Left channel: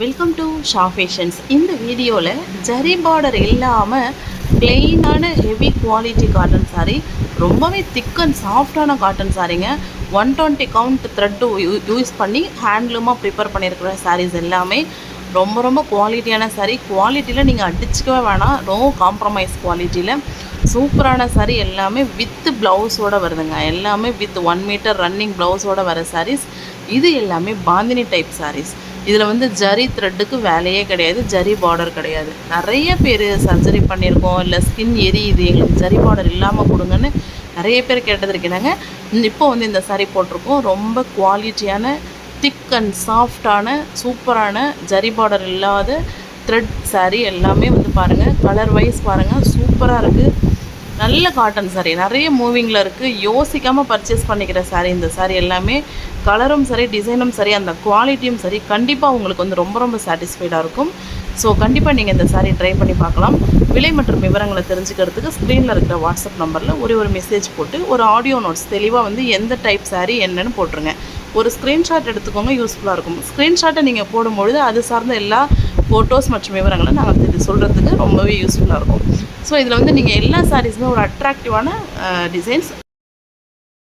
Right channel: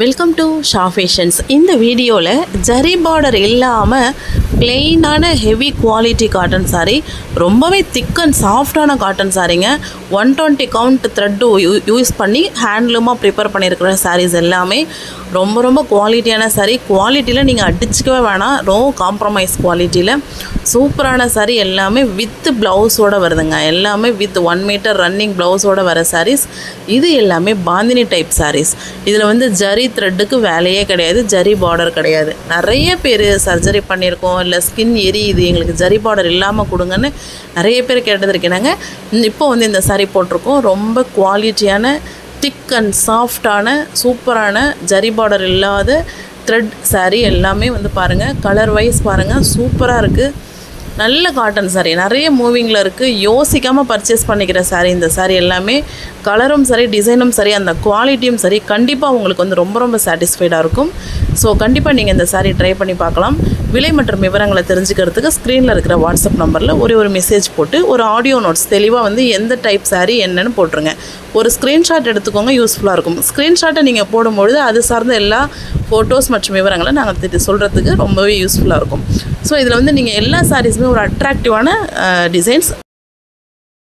Welcome to Shah fashions. இந்த வீடியோவில் zari border இல்லாமல் பிளெயினான ஹெவி குவாலிட்டி காட்டன் சாரீ, ரொம்பவே திக் அண்ட் சாஃப்டான காட்டன் சாரீங்க. 120 கவுண்ட் த்ரெட்டு யூஸ் பண்ணி ஹேண்ட்லூமாக ப்ரிப்பேர் பண்ணியிருக்கிற சாரீஸ் எல்லாமே ரொம்ப குவாலிட்டியான சாரீ. குவாலிட்டியில் நீங்கள் அடிச்சுக்கவே வேணாம், காம்ப்ரமைஸ் குவாலிட்டியில் சூப்பரான சாரீ. எல்லாமே வித் ப்ளவுஸோடு வருதுங்க. எல்லாமே வித் 1 மீட்டர் ரன்னிங் ப்ளவுஸோடு வர சாரீஸ். இது எல்லாமே பாந்தினி டைப் சாரீஸ். இதில் ஜரி த்ரெட்டுக்கு வேலையே கிடையாது, ஜரி பார்டர் கிடையாது. நிறைய பேர் சர்ஜரி பண்ணியிருக்கோம், இல்லை ஸ்கின் எரியுது, எங்களுக்கு ஜரி பார்டர் இல்லாமல் கொடுங்கன்னு நிறைய பேர் கேட்டதுருக்கேனாங்க. இப்போ இந்த சாரீ போட்டிருக்கோம். ரொம்ப குவாலிட்டியான திக் அண்ட் சாஃப்டான சூப்பரான ஜரி பார்டர் இல்லாத த்ரெட் சாரீ. எல்லாமே பாருங்கள், கலர் வைஸ் பாருங்கள், சூப்பராக இருக்குது. நல்ல காட்டன் சாரீ, நிறைய மூவிங்கில் இருக்குது. யோசிக்காமல் பர்ச்சேஸ் பண்ணிக்கிற சாரீ இந்த சாரீ எல்லாமே. கலரும் சரி, டிசைனும் சரி, அந்த குவாலிட்டியும் சரி, கண்டிப்பாக உங்களுக்கு ரொம்ப சாட்டிஸ்ஃபைடாக இருக்கும். ஸோ கண்டிப்பாக நீங்கள் இந்த சாரீ ட்ரை பண்ணி பார்க்கலாம். விலை மற்றும் விவரங்களை தெரிஞ்சுக்கிறதுக்கு ஸ்க்ரீனில் இருக்கிற வாட்ஸ்அப் நம்பரில் ஒரு மெசேஜ் போட்டு ஒரு ஆடியோ நோட்ஸ் தெளிவாக எந்த டைப் சாரீ என்னன்னு போட்டுருங்க. ஒரு ஸ்க்ரீன்ஷாட் எடுத்துக்கோங்க, யூஸ்ஃபுல்லாக இருக்கும். ஸ்க்ரீன்ஷாட்டை நீங்கள் போடும்பொழுது அது சார்ந்த எல்லா ஃபோட்டோஸ் மற்றும் விவரங்களை நாங்கள் சொல்கிறதுக்கு ரொம்பவே யூஸ்ஃபுல்லாக இருக்கும். ஸோ இதில் நீங்கள் எல்லா சாரீஸுமே ஒரு அட்ராக்டிவான டிசைன்ஸ்